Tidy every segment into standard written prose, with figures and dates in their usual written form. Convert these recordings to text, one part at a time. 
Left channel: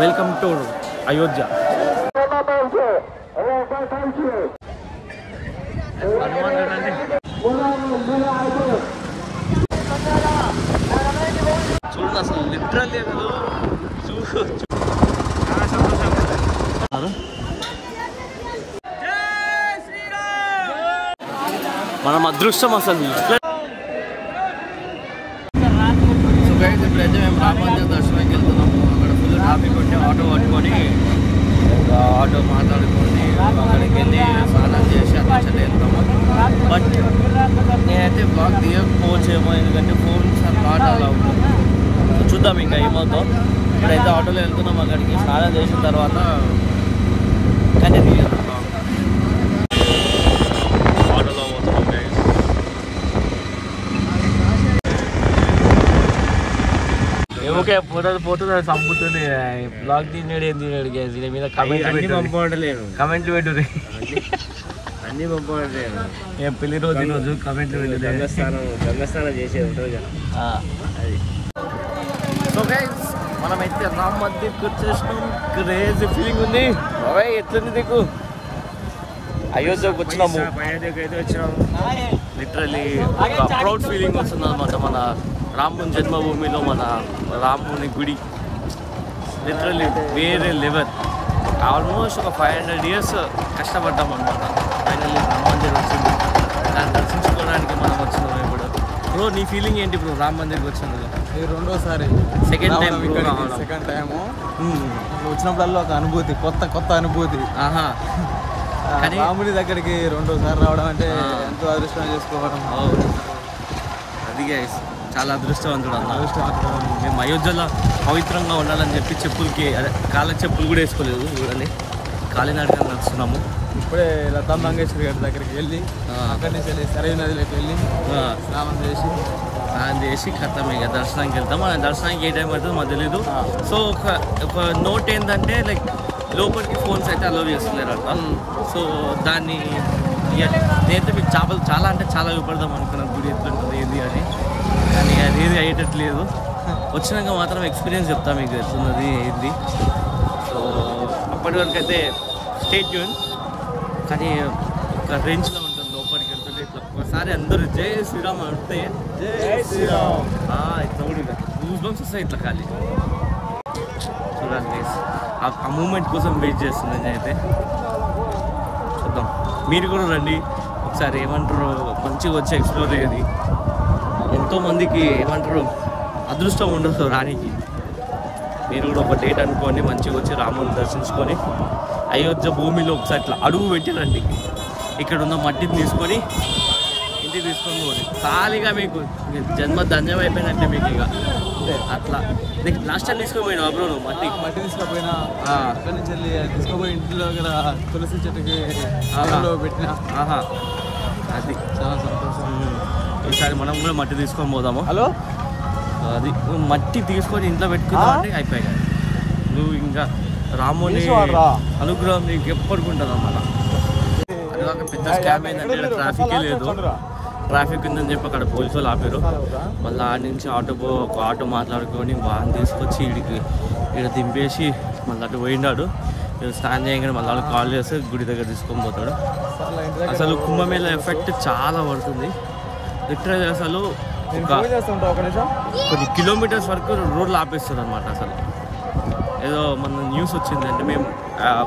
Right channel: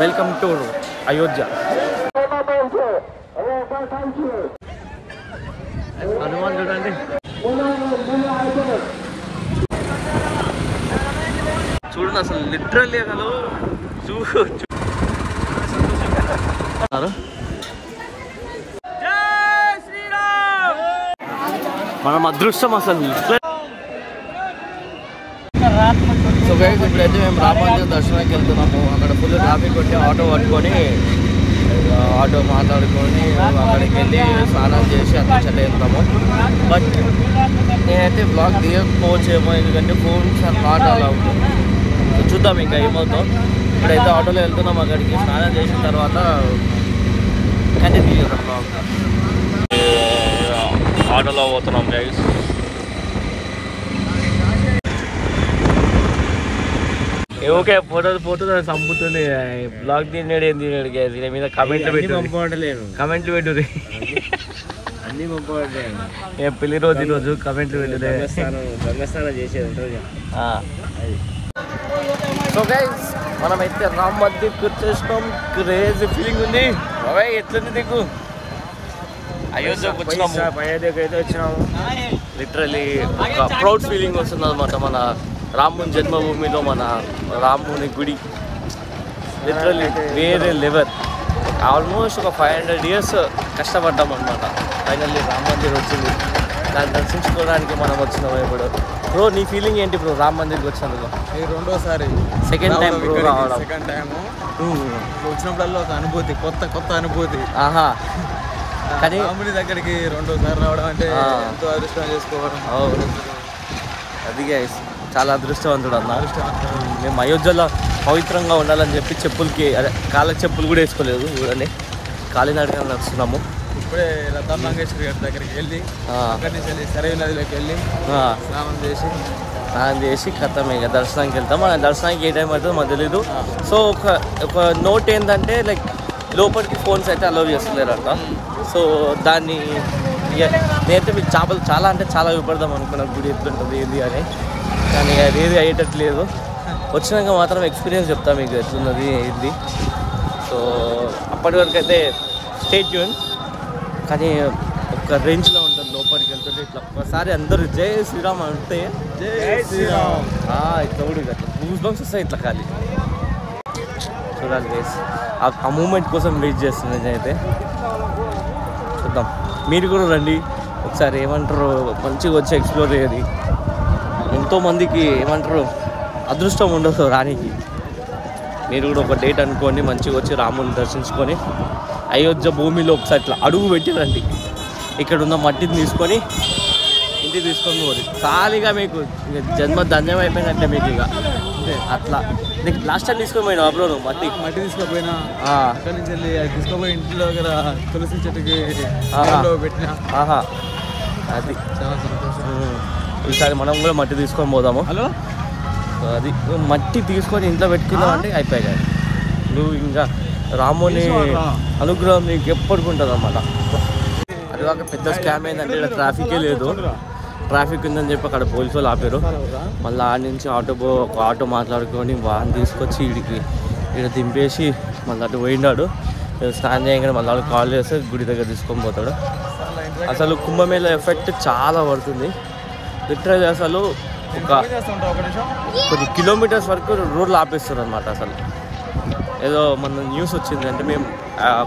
Welcome to Ayodhya. చూడండి అసలు literally అసలు మనం అదృష్టం అసలు. సో గైస్ ఇప్పుడైతే మేము రామాంజన దర్శనానికి వెళ్తున్నాము. అక్కడ ఫుల్ ట్రాఫిక్ ఉంటే ఆటో పట్టుకొని ఆటో మాట్లాడుకొని అక్కడికి వెళ్ళి స్నానం చేసి అక్కడ వెళ్తాము. బట్ నేనైతే బ్లాగ్ తీయకపోవచ్చేమో, ఎందుకంటే ఫోన్స్ నాట్ అలా ఉంటుంది. చూద్దాం ఇంకా ఏమవుతాం. ఇప్పుడైతే ఆటోలో వెళ్తున్నాం అక్కడికి. స్నానం చేసిన తర్వాత కంటిన్యూ చేద్దాం బ్లాగ్. ఆటోలో పోతున్నాం గైస్. ఓకే ఫోటోలు చంపుతుంది. బ్లాగ్ తిన్నాడు ఏం తిన్నాడు గైస్. దీని మీద కమెంట్లు పంపలేను. కమెంట్లు పెట్టు అన్ని పంపలేను. పెళ్లి రోజు కమెంట్లు గంగస్నానం చేసేది ఉంటుంది. సో గైస్ మనమైతే రామ్ మందిర్కి వచ్చేసినాం. క్రేజీ ఫీలింగ్ ఉంది. ఎట్లుంది నీకు? అయోధ్యకు వచ్చినాము. అయోధ్యకి అయితే వచ్చినాము. లిటరలీ ఒక ప్రౌడ్ ఫీలింగ్ వస్తుంది అనమాట. మన రాముని జన్మభూమిలో మన రాముని గుడి లిటరలీ వేరే లెవెల్. ఆల్మోస్ట్ ఒక 500 years కష్టపడ్డాం అనమాట. ఫైనల్లీ రామ్ మందిర్ వచ్చింది. దాన్ని దర్శించుకోవడానికి మనం వచ్చినాము. ఇప్పుడు బ్రో నీ ఫీలింగ్ ఏంటి బ్రో రామ్ మందిర్కి వచ్చినందులో? ఇది రెండోసారి. సెకండ్ టైం వచ్చినప్పుడల్లా ఒక అనుభూతి, కొత్త అనుభూతి. కానీ రాముని దగ్గరికి రెండోసారి రావడం అంటే ఎంతో అదృష్టం చేసుకోవడం. అది చాలా అదృష్టవంతుడు అన్న. మేము అయోధ్యలో పవిత్రంగా ఉండాలని చెప్పి చెప్పులకి అదే కాళ్ళ చెప్పులు కూడా వేసుకోలేదు. చూడండి కాలినడకని వస్తున్నాము. ఇప్పుడే లతా మంగేశ్వర్ గారి దగ్గరికి వెళ్ళి అక్కడి నుంచి వెళ్ళి సరైన నదిలోకి వెళ్ళి స్నానం చేసి ఖతం ఇక దర్శనానికి వెళ్తాం. మన దర్శనానికి ఏ టైం అవుతుందో మాకు తెలీదు. సో ఒక నోట్ ఏంటంటే లైక్ లోపలికి ఫోన్స్ అయితే అలౌ చేస్తలేరంట. సో దాన్ని ఇక నేనైతే మీకు చాలా అంటే చాలా చూపెడదాం అనుకున్నా గుడి ఎట్లుంటుంది ఏంది అని. కానీ అది ఏది అయ్యేటట్లేదు. వచ్చినాక మాత్రం ఎక్స్పీరియన్స్ చెప్తాను మీకు ఎట్లున్నది ఏంది. సో అప్పటి వరకు అయితే స్టే ట్యూన్. కానీ ఒక రేంజ్లో ఉంటుంది లోపలికి వెళ్తుంటే. ఇట్లా ఒకసారి అందరూ జై శ్రీరామ్ అంటే జై శ్రీరామ్ ఇట్లా కూడా ఇట్లా గూస్ బంప్స్ వస్తాయి ఇట్లా ఖాళీ. చూడాలి గైస్. ఆ మూమెంట్ కోసం వెయిట్ చేస్తుంది నేనైతే. చూద్దాం. మీరు కూడా రండి ఒకసారి. ఏమంటారు మంచిగా వచ్చి ఎక్స్ప్లోర్ అయ్యేది. ఎంతోమందికి ఏమంటారు అదృష్టం ఉండదు రానికి. మీరు కూడా ఒక డేట్ అనుకోండి, మంచిగా వచ్చి రాముని దర్శించుకొని అయోధ్య భూమిలో ఒకసారి ఇట్లా అడుగు పెట్టి రండి. ఇక్కడ ఉన్న మట్టిని తీసుకొని ఇంటికి తీసుకొని పోదు ఖాళీగా మీకు జన్మ ధన్యం అయిపోయినట్టే మీకు. ఇక అట్లా నీకు లాస్ట్ టైం తీసుకొని పోయినా అప్పుడు మట్టి తీసుకుపోయినా అక్కడి నుంచి వెళ్ళి తీసుకుపోయి ఇంట్లో దగ్గర తులసి చెట్టుకి పెట్టిన. అది చాలా సంతోషం. ఈసారి మనం కూడా మట్టి తీసుకొని పోదాము. అది మట్టి తీసుకొని ఇంట్లో పెట్టుకుందాం అంటే అయిపోయాయి. నువ్వు ఇంకా రాముని అనుగ్రహం నీకు ఎప్పటికుంటుంది అన్నమాట. అది కాక పెద్ద స్కామ్ ఏంటంటే ఇక్కడ ట్రాఫికే లేదు. ట్రాఫిక్ ఉందని చెప్పి అక్కడ పోలీసు వాళ్ళు ఆపారు. మళ్ళీ ఆడి నుంచి ఒక ఆటో మాట్లాడుకొని వాడిని తీసుకొచ్చి ఇక్కడ దింపేసి మళ్ళీ అటు పోయినాడు. స్నానం చేయగానే మళ్ళీ వాళ్ళు కాల్ చేస్తే గుడి దగ్గర తీసుకొని పోతాడు. అసలు కుంభమేళ ఎఫెక్ట్ చాలా పడుతుంది. లిటరల్లీ అసలు ఒక కొన్ని కిలోమీటర్స్ వరకు రోడ్లు ఆపేస్తారు అనమాట. అసలు ఏదో మన న్యూస్ వచ్చింది అంటే మేము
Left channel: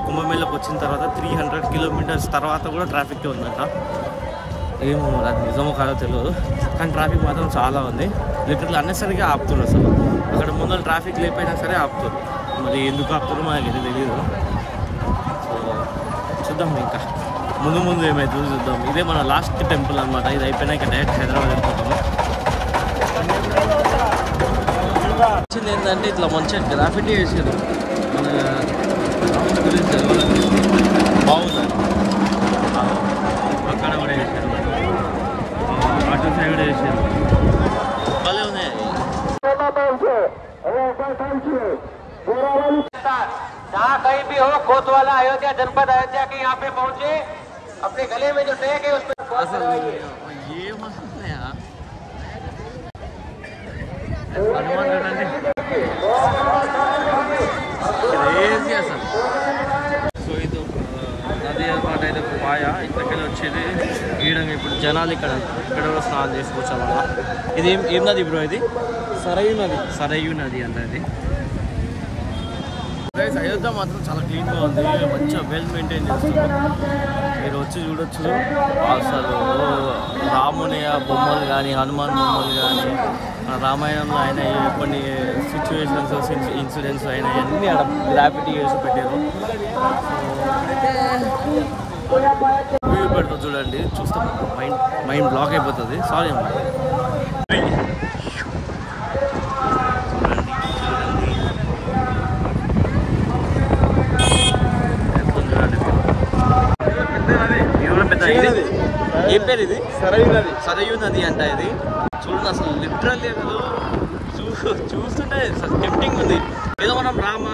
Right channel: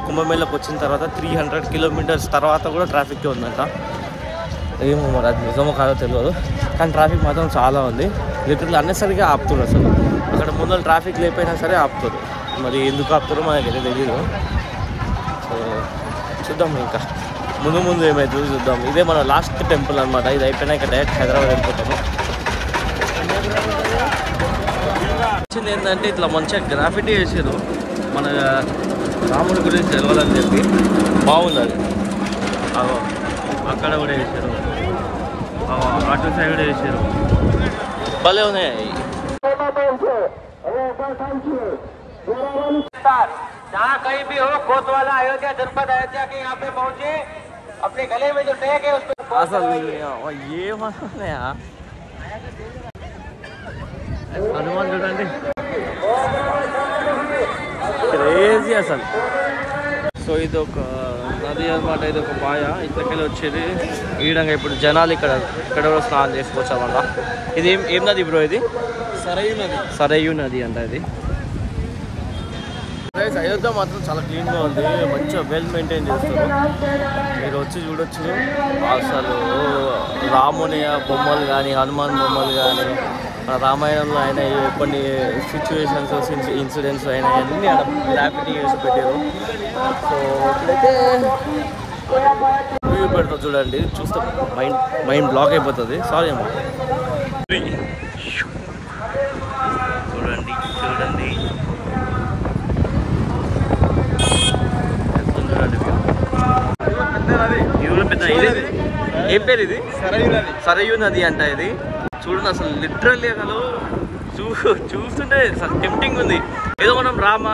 కుంభమేళకు వచ్చిన తర్వాత 300 kilometers తర్వాత కూడా ట్రాఫిక్కే ఉందంట. ఏమో మరి అది నిజమో కాదో తెలియదు. కానీ ట్రాఫిక్ మాత్రం చాలా ఉంది. లిటరల్లీ అన్నెసరిగా ఆపుతున్నారు. అసలు అక్కడ ముందు ట్రాఫిక్ లేకపోయినా సరే ఆపుతారు. మరి ఎందుకు ఆపుతారో మనకైతే తెలీదు. సో చూద్దాం ఇంకా ముందు ఏమవుతుందో చూద్దాం. ఇదే మన లాస్ట్ టెంపుల్ అనమాట. ఇది అయిపోయినాక డైరెక్ట్ హైదరాబాద్ వెళ్ళిపోతాము. వచ్చింది ఏంటంటే ఇట్లా మంచిగా గ్రాఫిటీ వేసారు. మన రాముడి గురించి తెలవాలని చెప్పి బాగుంది. అక్కడ కూడా వేసారు, అటు సైడ్ వేసారు. భలే ఉన్నాయి. जहाँ कहीं भी हो खोत वाला अयोध्या जनपद अयोध्या के यहाँ पे पहुँचे, अपने गले में जो टैग है उस पर असल ये ఉన్నాయా హనుమాన్ చూడండి క్రేజీ అసలు. సో ఇది ఒక నది అనమాట, ఇది ఒక మాయ. ఇక్కడికి వచ్చేది ఈడంగా ఇప్పుడు జనాలు ఇక్కడ స్నానం చేసుకోవచ్చామన్న. ఇది ఏం నది బ్రో? ఇది సరయూ నది అంట. ఇది అయోధ్య మాత్రం చాలా క్లీన్గా ఉంది, మంచిగా వెల్ మెయింటైన్ చేస్తారు. మీరు వచ్చి చూడొచ్చు. అసలు రాముని బొమ్మలు కానీ, హనుమాన్ బొమ్మలు కానీ, రామాయణంలో అయిన కొన్ని సిచ్యువేషన్స్ ఇన్సిడెంట్స్ అయినాయి అన్నీ అక్కడ గ్రాఫిటీ చేసి పెట్టారు. సో ఇప్పుడైతే వ్యూ పెడతా చూడండి, చూస్తే మైండ్ బ్లాక్ అయిపోతుంది. సారీ అమ్మా. చూడండి చూడండి ఏం పేరు ఇది? సరయూ నది అంట. ఇది చూడండి అసలు లిటరల్లీ అసలు చూస్తుంటే అసలు టెంప్టింగ్ ఉంది. ఏదో మనం రామ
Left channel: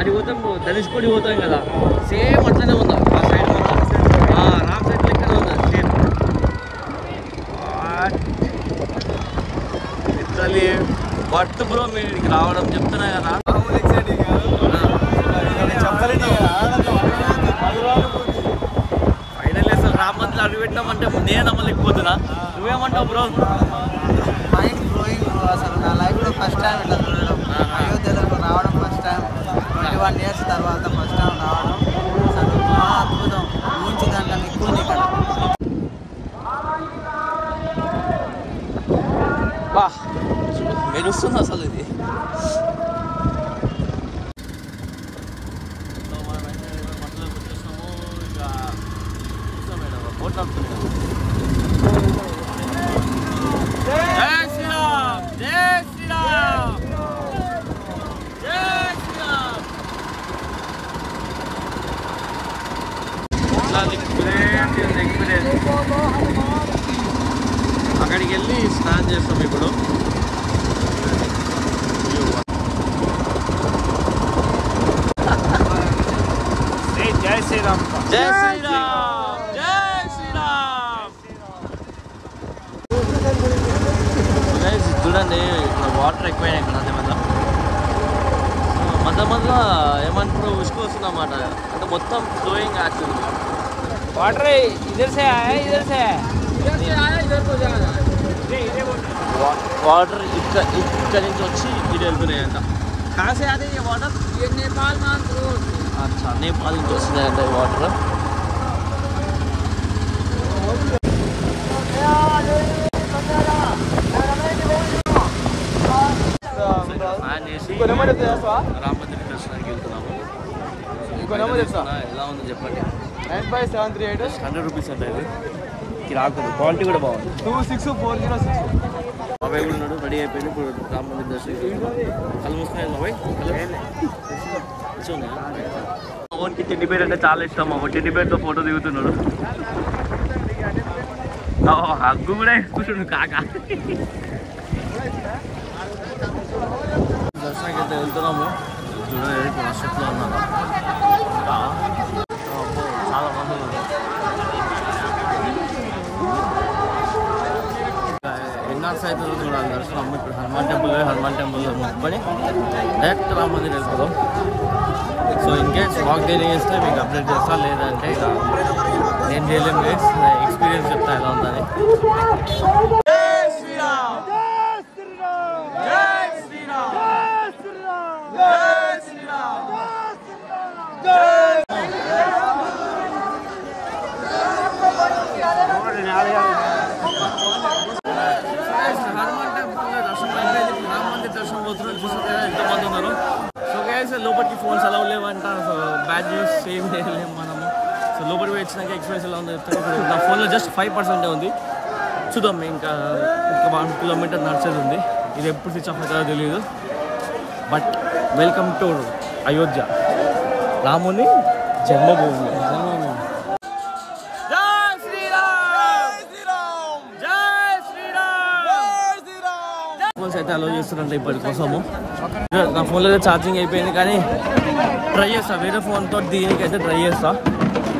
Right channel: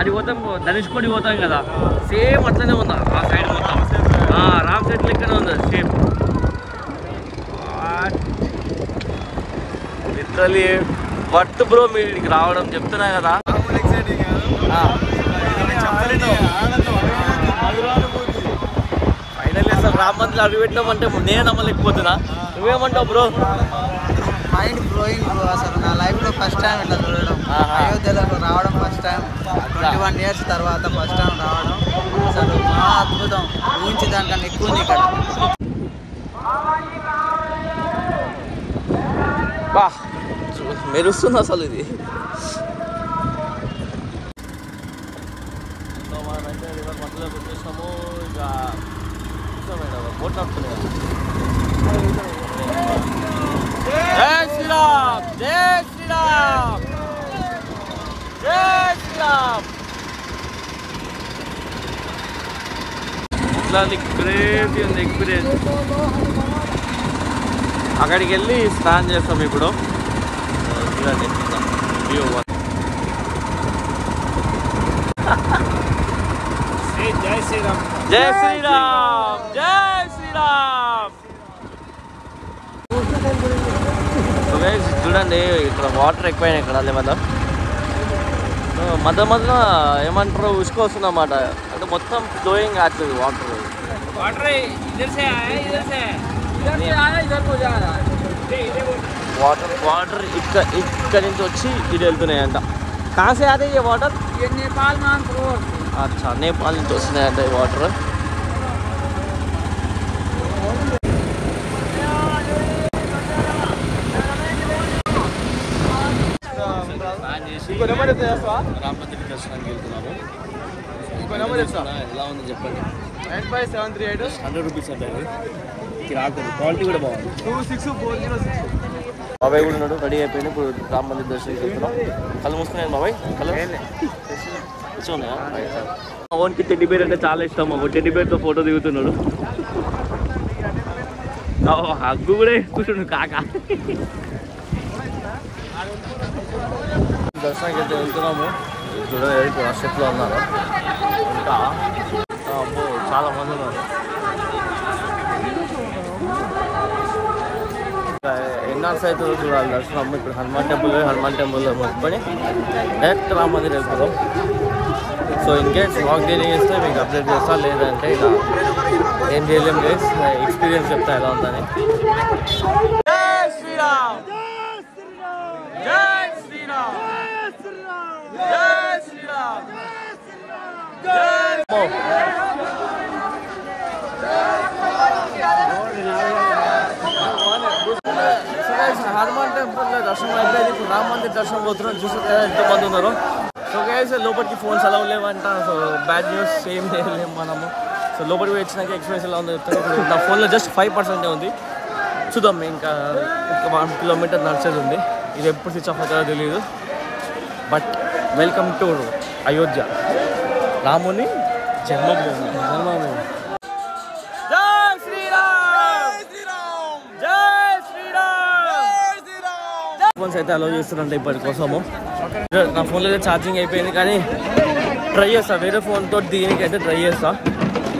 అది పోతాం, ధనుష్కోడి పోతాం కదా, సేమ్ అట్లనే ఉందా ఆ సైడ్ మొత్తం. రామ్ సైడ్ లెక్కనే ఉంది సేమ్. లిటరల్లీ వర్త్ బ్రో మీరు ఇక్కడికి రావడం, చెప్తున్నా కదా. ఫైనల్లీ అసలు రామ్ మందిలో అడుగు పెట్టినామంటే నేను నమ్మలేకపోతున్నా. నువ్వేమంటావు బ్రో? Mind blowing bro. అసలు నా లైఫ్లో ఫస్ట్ టైం ఇట్లా చూడడం, అయోధ్యలో రావడం ఫస్ట్ టైం. 21 years తర్వాత ఫస్ట్ టైం రావడం అసలు మా అద్భుతం. ఊహించే దానికన్నా ఎక్కువ ఉంది ఇక్కడ. వా మెరుస్తుంది అసలు ఇది. మనమైతే రివర్ మధ్యలోకి వచ్చేస్తాము. ఇక బోట్ నడుపుతున్నాయి. జై శ్రీరామ్, జై శ్రీరామ్, జై శ్రీరామ్. ఇట్లాంటి క్రేజీ ఎక్స్పీరియన్స్. అక్కడికి వెళ్ళి స్నానం చేస్తాం ఇప్పుడు. చూడండి వ్యూ. జై శ్రీరామ్, జై శ్రీరామ్, జై శ్రీరామ్. చూడండి ఇక్కడ వాటర్ ఎక్కువైనాయి ఇక్కడ అదే మధ్య మధ్యలో ఏమంటారు ఉసుకొస్తుంది అన్నమాట. అంటే మొత్తం ఫ్లోయింగ్ కాదు వాటర్. వాటర్ ఇక్కడ నుంచి వచ్చి ఇది వెళ్తున్నాయంట. కాసే అదే ఈ వాటర్ అచ్చా నేపాల్ నుంచి వస్తున్నాయంట ఈ వాటర్. స్నానం చేసి రామ్ మందిర్ దర్శనానికి వెళ్తున్నాము. బయట తీసుకున్నా ఎలా ఉందో చెప్పండి. 100 రూపీస్ అంటే ఇది రాకుండా క్వాలిటీ కూడా బాగుంది. 2640. బాబాయ్ కూడా ఉన్నాడు, రెడీ అయిపోయింది. ఇప్పుడు రామ్ మందిర్ దర్శనానికి వెళ్తున్నాం. కళ్ళు మూసుకున్నాను బాబాయ్. కళ్ళు ఉన్నాయా? ఓన్కి టెడ్డీ బేర్ అంటే చాలా ఇష్టం. ఒక టెడ్డీ బేర్తో ఫోటో దిగుతున్నాడు. హగ్గు కూడా కూర్చుండు కాక. దర్శనానికి అయితే వెళ్తున్నాము. చూడండి రషెట్లో ఉన్నారు. ఇంకా చాలా మంది ఉన్నారు. ఎన్ఆర్స్ అవుతుందో చూడాలి దర్శనం. ఇప్పుడు హనుమాన్ టెంపుల్లో మొక్కుకొని డైరెక్ట్ రామ్ మందిర్ వెళ్తున్నాం. సో ఇన్కేస్ వాక్ డీలింగ్ చేస్తే మీకు అప్డేట్ చేస్తా, లేదంటే ఇక నేను చేయలేం. లేదు ఎక్స్పీరియన్స్ చెప్తా ఎలా ఉందని. జై శ్రీరామ్, జై శ్రీరామ్, జై శ్రీరామ్, హనుమాన్ టెంపుల్ దర్శనం అయిపోయింది. ఇప్పుడు రామ్ మందిర్ దర్శనం పోతున్నాం. చూసారు కదా ఎంతమంది ఉన్నారు. సో గైస్ లోపలికి ఫోన్స్ అలౌ లేవంట. సో బ్యాడ్ న్యూస్ ఏం చేయలేము మనము. సో లోపలికి పోయి వచ్చినాక ఎక్స్పీరియన్స్ ఎలా ఉందో చెప్తాను. ఇప్పుడు నా ఫోన్లో జస్ట్ 5% ఉంది. చూద్దాం, ఇంకా 1 కిలోమీటర్ నడిచేది ఉంది. ఇది ఎప్పుడు స్విచ్ ఆఫ్ అవుతుందో తెలియదు. బట్ వెల్కమ్ టు అయోధ్య, రాముని జన్మభూమి. జై శ్రీరామ్, జై శ్రీరామ్. ఫోన్స్ అయితే అలో చేస్తున్నంటే ఇప్పటి కోసము. నా ఫోన్లో ఛార్జింగ్ అయిపోయింది, కానీ ట్రై చేస్తా వేరే ఫోన్తో. దీనికైతే ట్రై చేస్తా,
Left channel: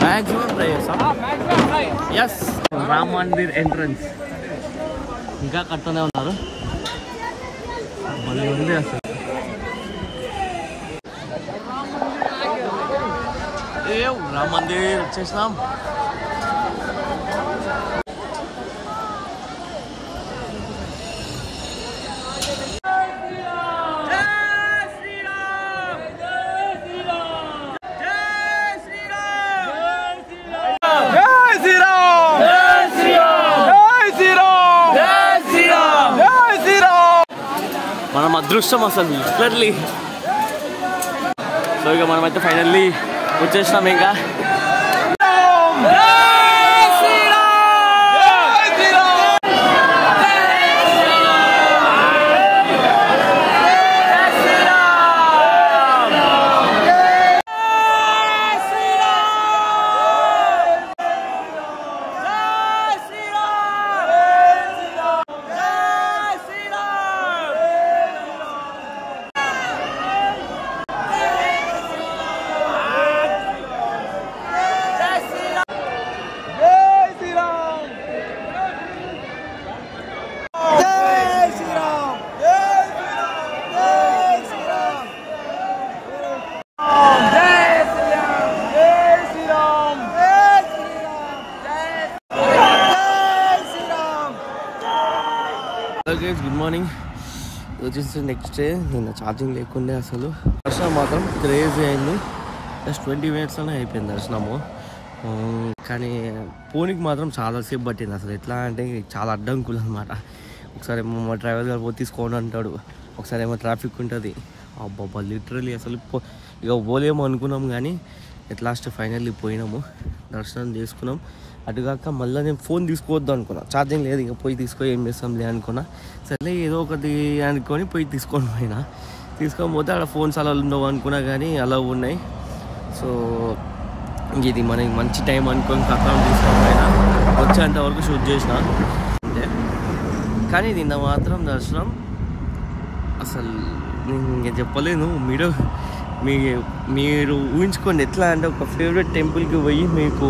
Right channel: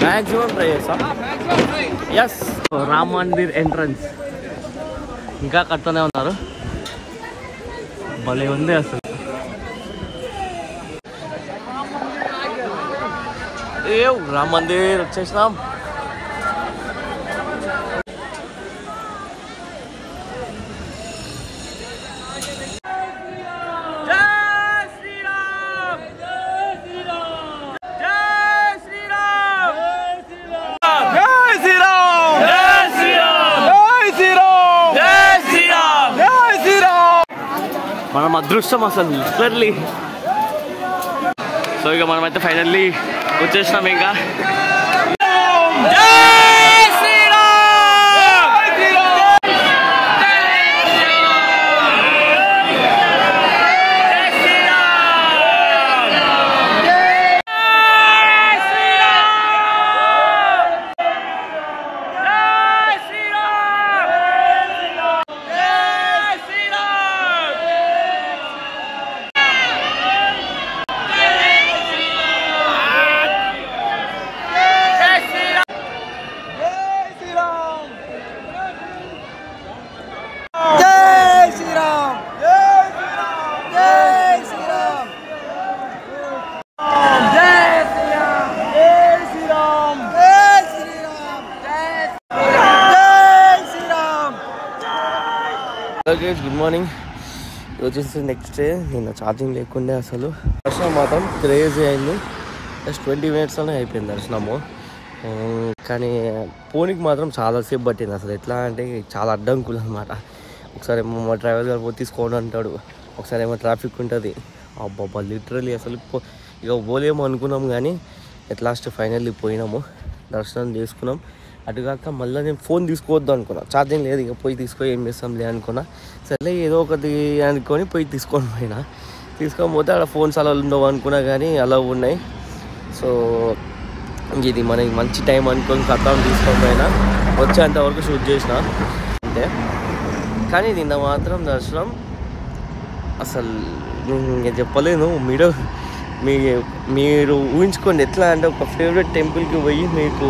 మ్యాక్సిమం ట్రై చేస్తా. ఎస్, రామ్ మందిర్ ఎంట్రన్స్ ఇంకా కడుతూనే ఉన్నారు. భలే ఉంది అసలు. రామ్ మందిర్ వచ్చేసినాం. మనం అదృష్టం అసలు లిటరల్లీ. సో ఇక మనమైతే ఫైనల్లీ వచ్చేసినాం. ఇంకా గుడ్ మార్నింగ్. వచ్చేసి నెక్స్ట్ డే నిన్న ఛార్జింగ్ లేకుండే అసలు. దర్శనం మాత్రం క్రేజీ అయింది. జస్ట్ 20 minutesలోనే అయిపోయింది దర్శనము. కానీ పోనీకి మాత్రం చాలాసేపు పట్టింది అసలు. ఎట్లా అంటే చాలా అడ్డంకులు అనమాట. ఒకసారి ఏమో మా డ్రైవర్ గారు తీసుకోండి అంటాడు, ఒకసారి ఏమో ట్రాఫిక్ ఉంటుంది. అబ్బాబ్బా లిటరలీ అసలు ఇక పోలేమో అనుకున్నాం కానీ ఎట్ లాస్ట్ ఫైనల్లీ పోయినాము, దర్శనం చేసుకున్నాం. అటుగాక మళ్ళీ నేను ఫోన్ తీసుకోవద్దు అనుకున్నా, ఛార్జింగ్ లేదు, ఇక పోయి తీసుకో ఏం చేస్తాంలే అనుకున్నా. సరే ఏదో ఒకటి అనుకొని పోయి తీసుకొని పోయినా. తీసుకొని పోతే అక్కడ ఫోన్స్ అలా ఉండవు అనుకున్నా కానీ అలా ఉన్నాయి. సో ఇది మనకి మంచి టైం అనుకొని కథం తీసుకొని పోయినా. వచ్చేంత వరకు షూట్ చేసిన అంతే. కానీ నిన్న మాత్రం దర్శనం అసలు నేను చెప్పలేను. మీరు ఊహించుకోండి ఎట్లా అంటే ఒక ఫేవరెట్ టెంపుల్కి పోయి మీకు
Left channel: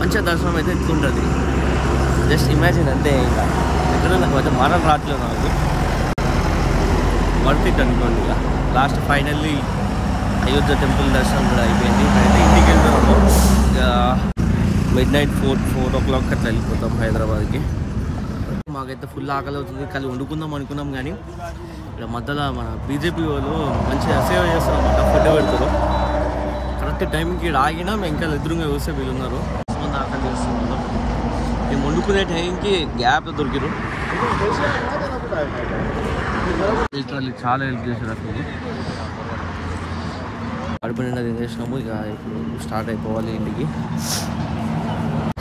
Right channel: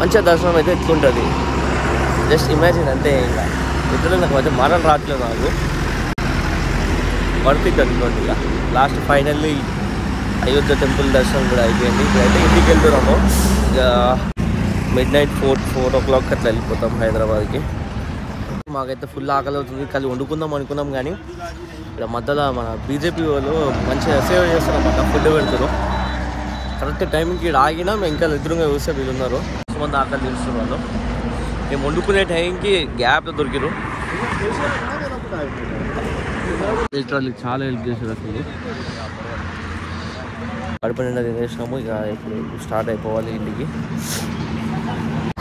మంచిగా దర్శనం అయితే ఎట్లుంటుంది జస్ట్ ఇమాజిన్ అంతే. ఇంకా ఎట్లా నాకు అయితే మారం రావట్లేదు నాకు. వర్త్ ఇట్ అనుకోండి. ఇక లాస్ట్ ఫైనల్లీ అయోధ్య టెంపుల్ దర్శనం కూడా అయిపోయింది. ఇప్పుడైతే ఇంటికి వెళ్తున్నాము. ఇక midnight 4 o'clock అట్లా వెళ్ళిపోతాం హైదరాబాద్కి. మాకైతే ఫుల్ ఆకలి అవుతుంది. కలిసి వండుకుందాం అనుకున్నాం కానీ ఇక్కడ మధ్యలో మన బీజేపీ వాళ్ళు మంచిగా సేవ చేస్తారన్నమాట. ఫుడ్ పెడుతున్నాం కరెక్ట్ టైంకి ఇక్కడ ఆగినా ఇంకా ఎదురుగా చూస్తే వీళ్ళు ఉన్నారు మంది ఆకలి చేస్తున్నారు వాళ్ళు. మేము వండుకునే టైంకి గ్యాప్ దొరికిరు. లిటరల్లీ చాలా హెల్ప్ చేశారు అసలు. కడుపు నిండా తినేసినాము. ఇక ఇప్పుడు స్టార్ట్ అయిపోవాలి ఇంటికి.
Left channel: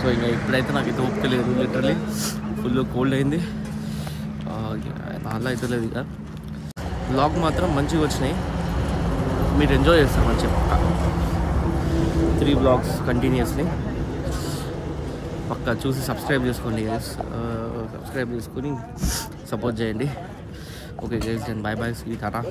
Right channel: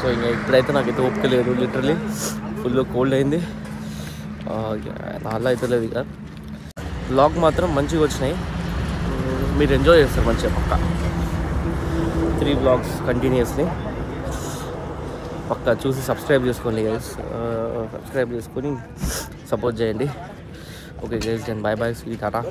సో ఇంకా ఇప్పుడైతే నాకైతే ఓపిక లేదు. లిటరల్లీ ఫుల్ కోల్డ్ అయింది. నాలో అయితే లేదు. ఇక బ్లాగ్ మాత్రం మంచిగా వచ్చినాయి. మీరు ఎంజాయ్ చేస్తారు మంచిగా పక్క 3 vlogs కంటిన్యూస్లీ. పక్క చూసి సబ్స్క్రైబ్ చేసుకోండి గైస్. సబ్స్క్రైబ్ చేసుకొని సపోర్ట్ చేయండి. Okay guys, bye bye, see Tata.